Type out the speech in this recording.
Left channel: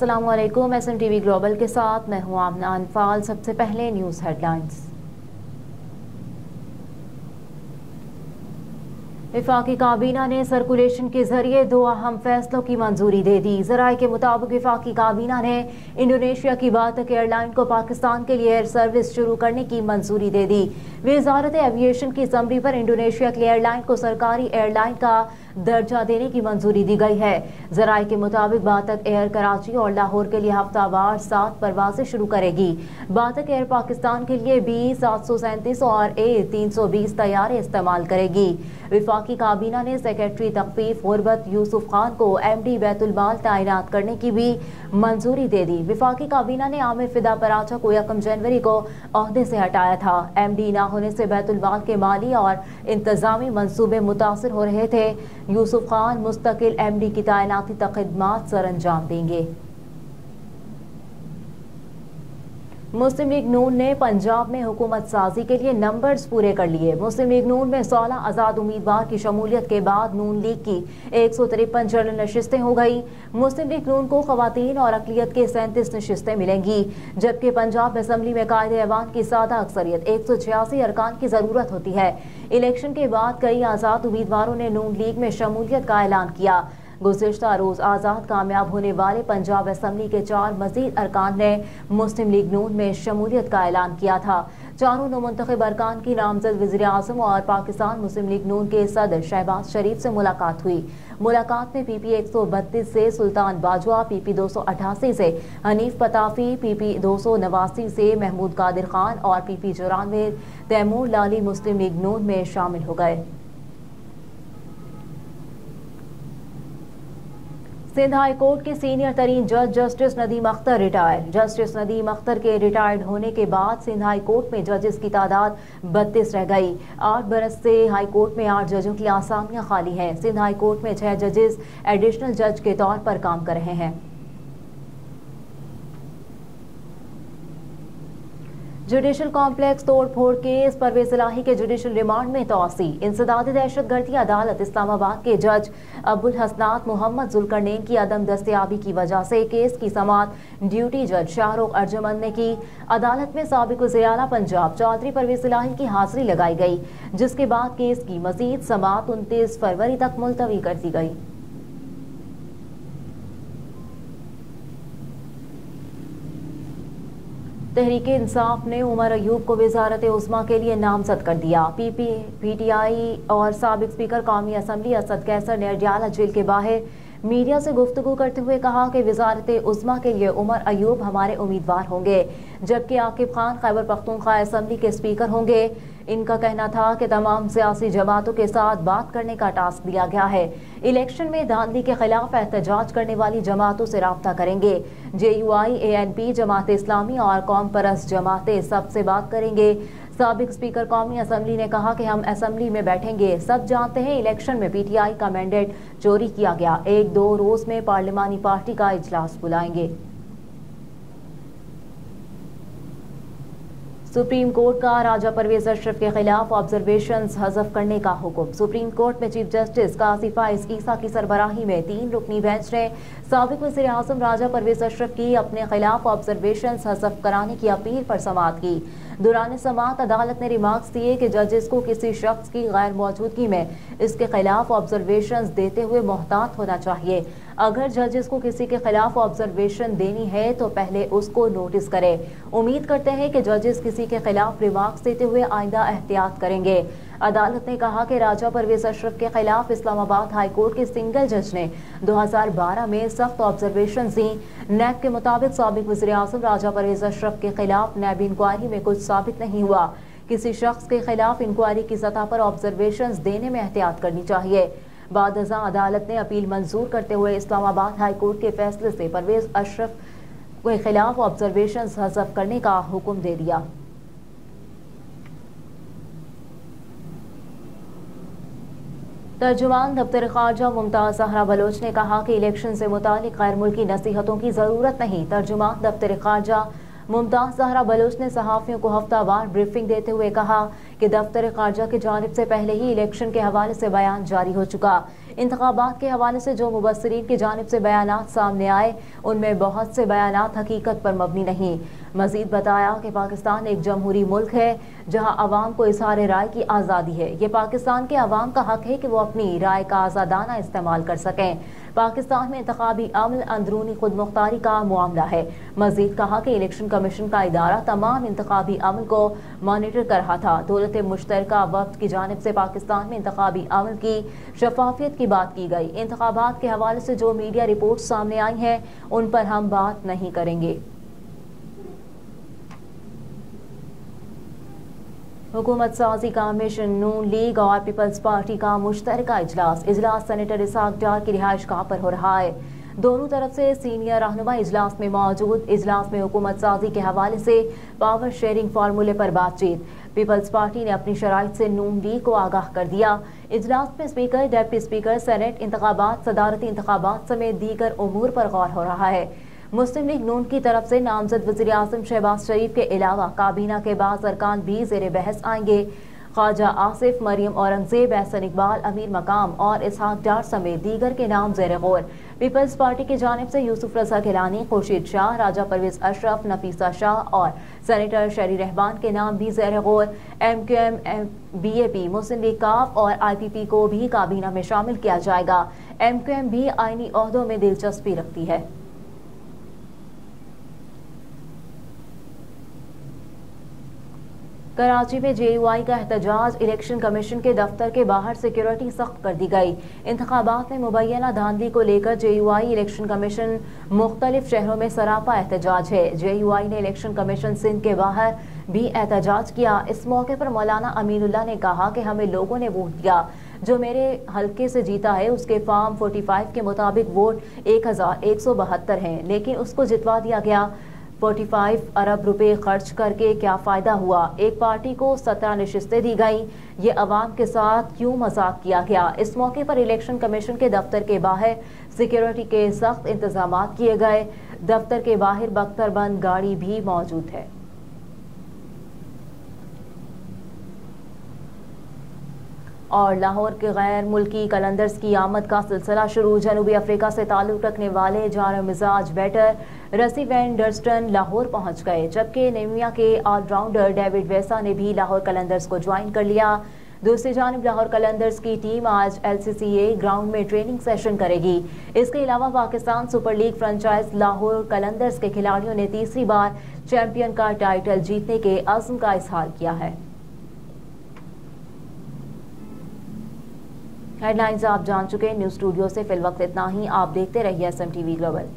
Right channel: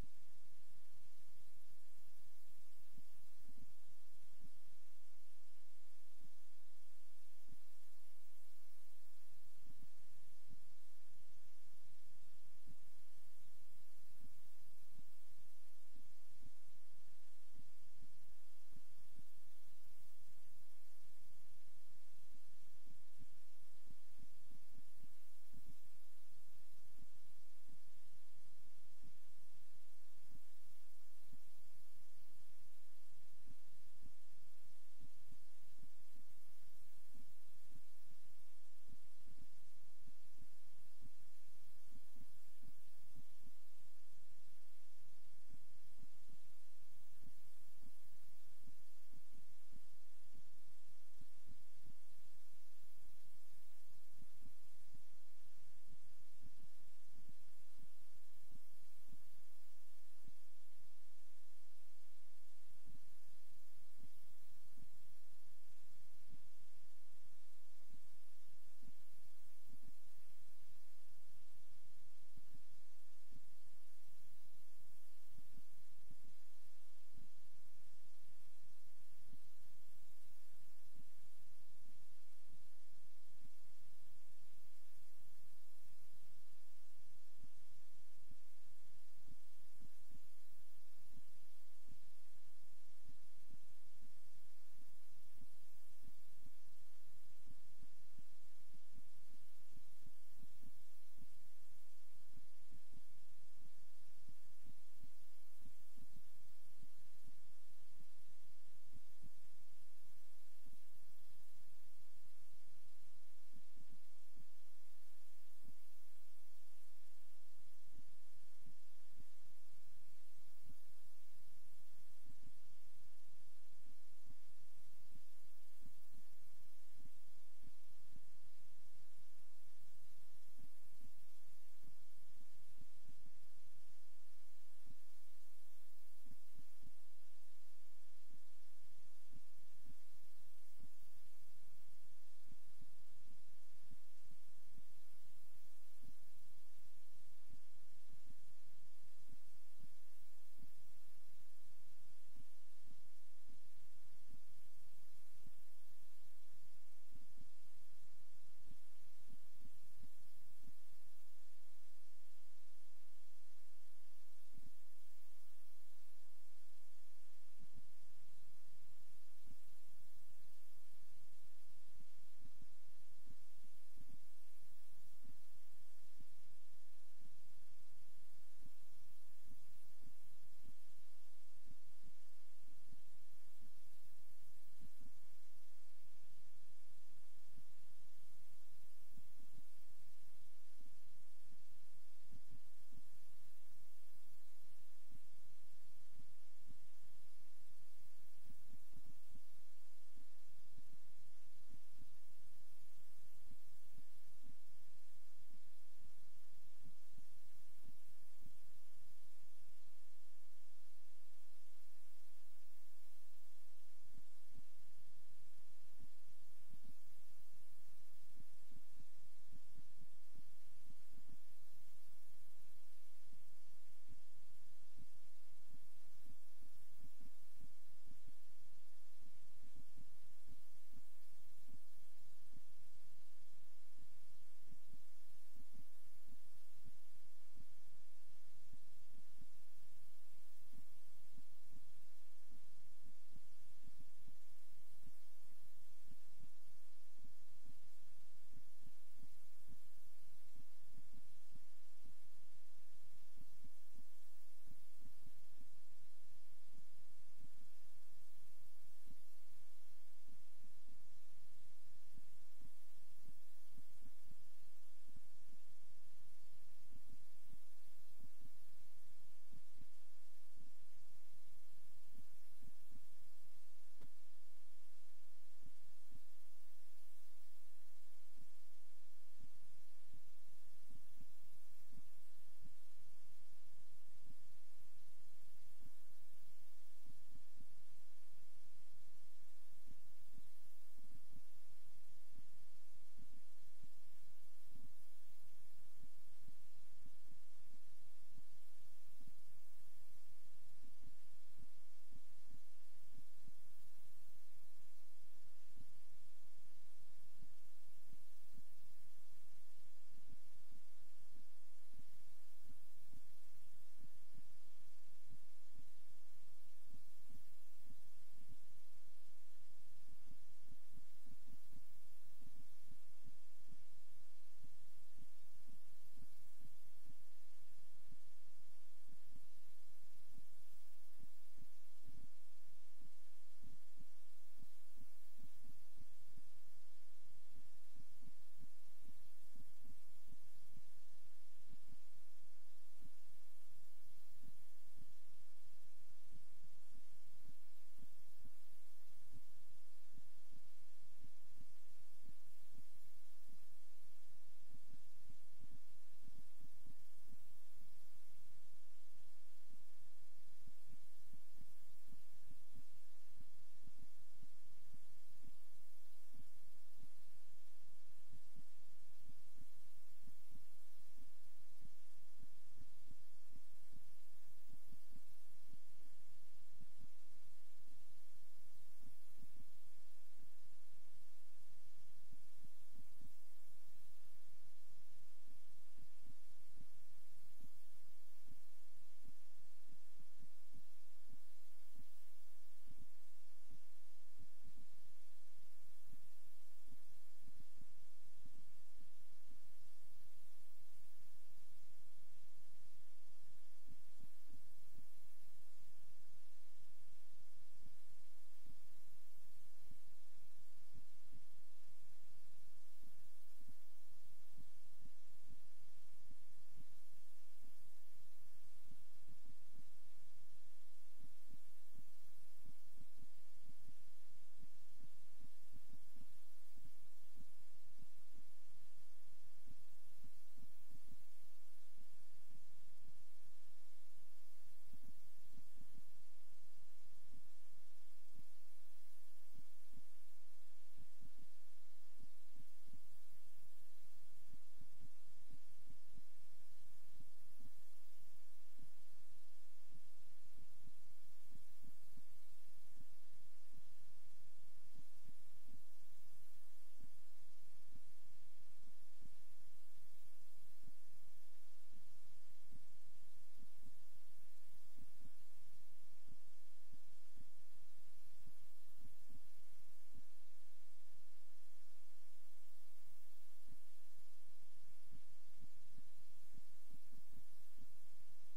अस्सलाम वालेकुम। SMTV global के साथ मैं हूं आमना अनफाल। सबसे पहले न्यूज़ हेडलाइंस। वफाकी काबीना ने सर्कुलेशन के जरिए 2 अहम फैसलों की मंजूरी दे दी। जराये के मुताबिक वफाकी काबीना ने इंडोनेशिया की बातक एयरलाइन को पाकिस्तान के लिए एयर सर्विस शुरू करने की मंजूरी दे दी। वजारत एविएशन की असम्बली पर इंडोनेशिया की एयरलाइन को सरकारी एयरलाइन का दर्जा देने की मंजूरी दी गई है। जराये के मुताबिक बातक एयर कराची और लाहौर के लिए हफ्तावार 7 परवाजें शुरू करेगी। बातक एयर पाकिस्तान के लिए B737 और A320 तैयारे इस्तेमाल करेगी। वफाकी काबीना ने सेक्रेटरी तकफीफ गुरबत यूसुफ खान को MD बैतुल माल तैनात करने की भी मंजूरी दे दी। वफाकी काबीना ने आमिर फिदा पराचा को 1 जनवरी को ओहदे से हटाया था। MD ना होने से बैतुल माल के माली और इंतजामी मंसूबे मुतासर हो रहे थे। यूसुफ खान मुस्तकिल MD की तैनाती तक खिदमात सर अंजाम देंगे। मुस्लिम लीग नून ने पंजाब में हुकूमत साजी के लिए नंबर्स पूरे कर लिए। मुस्लिम लीग नून में 16 आज़ाद उम्मीदवार की शमूलियत के बाद नून लीग की 153 जनरल नशिस्तें हो गई। मुस्लिम लीग नून को खवातीन और अकलियत के 37 नशिस्तें मिलेंगी, जबकि पंजाब असम्बली में कायदे ऐवान की सादा अक्सरियत 186 अरकान की जरूरत होती है। इलेक्शन के बाद कई आज़ाद उम्मीदवारों ने नून लीग में शमूलियत का ऐलान किया। गुज़िश्ता रोज आज़ाद कामयाब होने वाले पंजाब असम्बली के 4 मजीद अरकान ने मुस्लिम लीग नून में शमूलियत का ऐलान किया था। चारों नौमुंतखब अरकान की नामजद वज़ीर आज़म और पाकिस्तान मुस्लिम लीग नून के सदर शहबाज शरीफ से मुलाकात हुई। मुलाकात में PP 132 से सुल्तान बाजवा, PP 288 से हनीफ पताफी, PP 289 से महमूद कादिर खान और PP 94 तैमूर लाली मुस्लिम लीग नून में शामिल हो गए। सिंध हाई कोर्ट के सीनियर तरीन जज justice Nadeem Akhtar retire. Justice Nadeem Akhtar के रिटायर्ड होने के बाद सिंध हाई कोर्ट में जजेस की तादाद 32 रह गई। 8 बरस से हाई कोर्ट में 8 जजों की आसामियां खाली हैं। सिंध हाई कोर्ट में 6 जजेस एडिशनल जज के तौर पर काम कर रहे हैं। जुडिशल कॉम्प्लेक्स तोड़ फोड़ केस परवेज इलाही के जुडिशल रिमांड में तोसी। इंसदादी दहशतगर्दी अदालत इस्लामाबाद के जज अबुल हसनात मोहम्मद जुल्करनैन की अदम दस्तयाबी की वजह से केस की समाअत ड्यूटी जज शाहरुख अर्जुमंद ने की। अदालत में साबिक वज़ीर आला पंजाब चौधरी परवेज इलाही की हाजिरी लगाई गई, जिसके बाद केस की मजीद समाअत 29 फरवरी तक मुलतवी कर दी गई। तहरीके इंसाफ ने उमर अयूब को वजारत उस्मा के लिए नामजद कर दिया। PTI और साबिक स्पीकर कौमी असम्बली असद कैसर ने अडियाला जेल के बाहर मीडिया से गुफ्तगू करते हुए कहा कि वजारत उस्मा के लिए उमर अयूब हमारे उम्मीदवार होंगे, जबकि आकिब खान खैबर पख्तूनख्वा असम्बली के स्पीकर होंगे। इनका कहना था कि तमाम सियासी जमातों के साथ बात करने का टास्क दिया गया है। इलेक्शन में धांधली के खिलाफ एहतजाज करने वाली जमातों से राब्ता करेंगे। JUI, ANP, जमात इस्लामी और कौम परस्त जमातें सबसे बात करेंगे। साबिक स्पीकर कौमी असम्बली ने कहा कि हम असम्बली में बैठेंगे। सब जानते हैं इलेक्शन में PTI का मैंडेट चोरी किया गया। 1-2 रोज में पार्लिमानी पार्टी का इजलास बुलाएंगे। सुप्रीम कोर्ट का राजा परवेज अशरफ के खिलाफ ऑब्जर्वेशंस हज़फ करने का हुक्म। सुप्रीम कोर्ट में चीफ जस्टिस काजी फाइज ईसा की सरबराही में 3 रुकनी बेंच ने साबिक वज़ीर आज़म राजा परवेज अशरफ की अपने खिलाफ ऑब्जर्वेशंस हज़फ कराने की अपील पर समाअत की। दौरान समाअत अदालत ने रिमार्क्स दिए कि जजेस को किसी शख्स की गैर मौजूदगी में इसके खिलाफ ऑब्जर्वेशंस देते हुए मोहतात होना चाहिए। अगर जजेस को किसी के खिलाफ ऑब्जर्वेशन देनी है तो पहले उसको नोटिस करें। उम्मीद करते हैं कि जजेस किसी के खिलाफ रिमार्क्स देते हुए आइंदा एहतियात करेंगे। अदालत ने कहा कि राजा परवेज अशरफ के खिलाफ इस्लामाबाद हाई कोर्ट के सिंगल जज ने 2012 में सख्त ऑब्जर्वेशन दी। नैब के मुताबिक साबिक वज़ीर आज़म राजा परवेज अशरफ के खिलाफ नैब इंक्वायरी में कुछ साबित नहीं हुआ। किसी शख्स के खिलाफ इंक्वायरी की सतह पर ऑब्जर्वेशन देने में एहतियात करनी चाहिए। बाद अज़ां अदालत ने अपील मंजूर करते हुए इस्लामाबाद हाई कोर्ट के फैसले से परवेज अशरफ के खिलाफ ऑब्जर्वेशन हज़फ करने का हुक्म दे दिया। तर्जुमान दफ्तर खारजा मुमताज ज़हरा बलोच ने कहा कि इलेक्शन से मुतालिक गैर मुल्की नसीहतों की ज़रूरत नहीं। तर्जुमान दफ्तर खारजा मुमताज ज़हरा बलोच ने सहाफ़ियों को हफ्तावार ब्रीफिंग देते हुए कहा कि दफ्तर खारजा की जानिब से पहले ही इलेक्शन के हवाले से बयान जारी हो चुका। इंतखाबात के हवाले से जो मुबस्सिरीन की जानिब से बयानात सामने आए उनमें बहुत से बयानात हकीकत पर मबनी नहीं। मजीद बताया कि पाकिस्तान एक जमहूरी मुल्क है जहाँ अवाम को इजहार राय की आज़ादी है। ये पाकिस्तान के अवाम का हक है कि वो अपनी राय का आज़ादाना इस्तेमाल कर सकें। पाकिस्तान में इंतखाबी अमल अंदरूनी खुद मुख्तारी का मामला है। मजीद कहा कि इलेक्शन कमीशन का इदारा तमाम इंतखाबी अमल को मॉनिटर कर रहा था। दौलत मुश्तरका वफ्द की जानिब से पाकिस्तान में इंतखाबी अमल की शफाफियत की बात की गई। इंतखाबात के हवाले से जो मीडिया रिपोर्ट सामने आई हैं उन पर हम बात नहीं करेंगे। हुकूमत साजी का मिशन नून लीग और पीपल्स पार्टी का मुश्तरका इजलास सेनेटर इसहाक डार की रिहाइश गाह पर हो रहा है। दोनों तरफ से सीनियर रहनुमा इजलास में मौजूद। इजलास में हुकूमत साजी के हवाले से पावर शेयरिंग फार्मूले पर बातचीत। पीपल्स पार्टी ने अपनी शराइत से नून लीग को आगाह कर दिया। इजलास में स्पीकर, डिप्टी स्पीकर, सेनेट इंतखाबात, सदारती इंतखाबात समेत दीगर उमूर पर गौर हो रहा है। मुस्लिम लीग नून की तरफ से नामजद वज़ीर आज़म शहबाज शरीफ के अलावा काबीना के बाद अरकान भी ज़ेरे बहस आएंगे। ख्वाजा आसिफ, मरियम औरंगजेब, एहसन इकबाल, अमीर मकाम और इसहाक डार समेत दीगर के नाम ज़ेरे गौर। पीपल्स पार्टी की जानिब से यूसुफ रजा गिलानी, खुर्शीद शाह, राजा परवेज अशरफ, नफीसा शाह और सेनेटर शरी रहमान के नाम भी ज़ेरे गौर। MQM, BAP, मुस्लिम लीग काफ और IPP को भी काबीना में शामिल किया जाएगा। MQM भी आईनी ओहदों में दिलचस्पी रखती है। कराची में JUI का एहतजाज। इलेक्शन कमीशन के दफ्तर के बाहर सिक्योरिटी सख्त कर दी गई। इंतखाबात में मुबैना धांधली को लेकर JUI इलेक्शन कमीशन मुख्तलिफ शहरों में सरापा एहतजाज है। JUI ने इलेक्शन कमीशन सिंध के बाहर भी एहतजाज किया। इस मौके पर मौलाना अमीनुल्लाह ने कहा कि हमें लोगों ने वोट दिया, जो मेरे हल्के से जीता है उसके फॉर्म 45 के मुताबिक वोट 1172 हैं, लेकिन उसको जितवा दिया गया। 45 अरब रुपए खर्च करके क्या फ़ायदा हुआ? एक पार्टी को 17 नशिस्तें दी गई। ये अवाम के साथ क्यों मजाक किया गया? इस मौके पर इलेक्शन कमीशन के दफ्तर के बाहर सिक्योरिटी के सख्त इंतजाम किए गए। दफ्तर के बाहर बख्तरबंद गाड़ी भी मौजूद है। और लाहौर के गैर मुल्की कलंदर्स की आमद का सिलसिला शुरू। जनूबी अफ्रीका से ताल्लुक़ रखने वाले जारा मिजाज बैटर रसी वैन डर्स्टन लाहौर पहुंच गए, जबकि नेमिया के ऑलराउंडर डेविड वेसा ने भी लाहौर कलंदर्स को ज्वाइन कर लिया। दूसरी जानिब लाहौर कलंदर्स की टीम आज LCCA ग्राउंड में ट्रेनिंग सेशन करेगी। इसके अलावा Pakistan super league franchise Lahore Qalandars के खिलाड़ियों ने तीसरी बार चैंपियन का टाइटल जीतने के अज़्म का इजहार किया है। हेडलाइंस आप जान चुके। न्यूज़ स्टूडियो से फिल वक्त इतना ही। आप देखते रहिए SMTV ग्लोबल।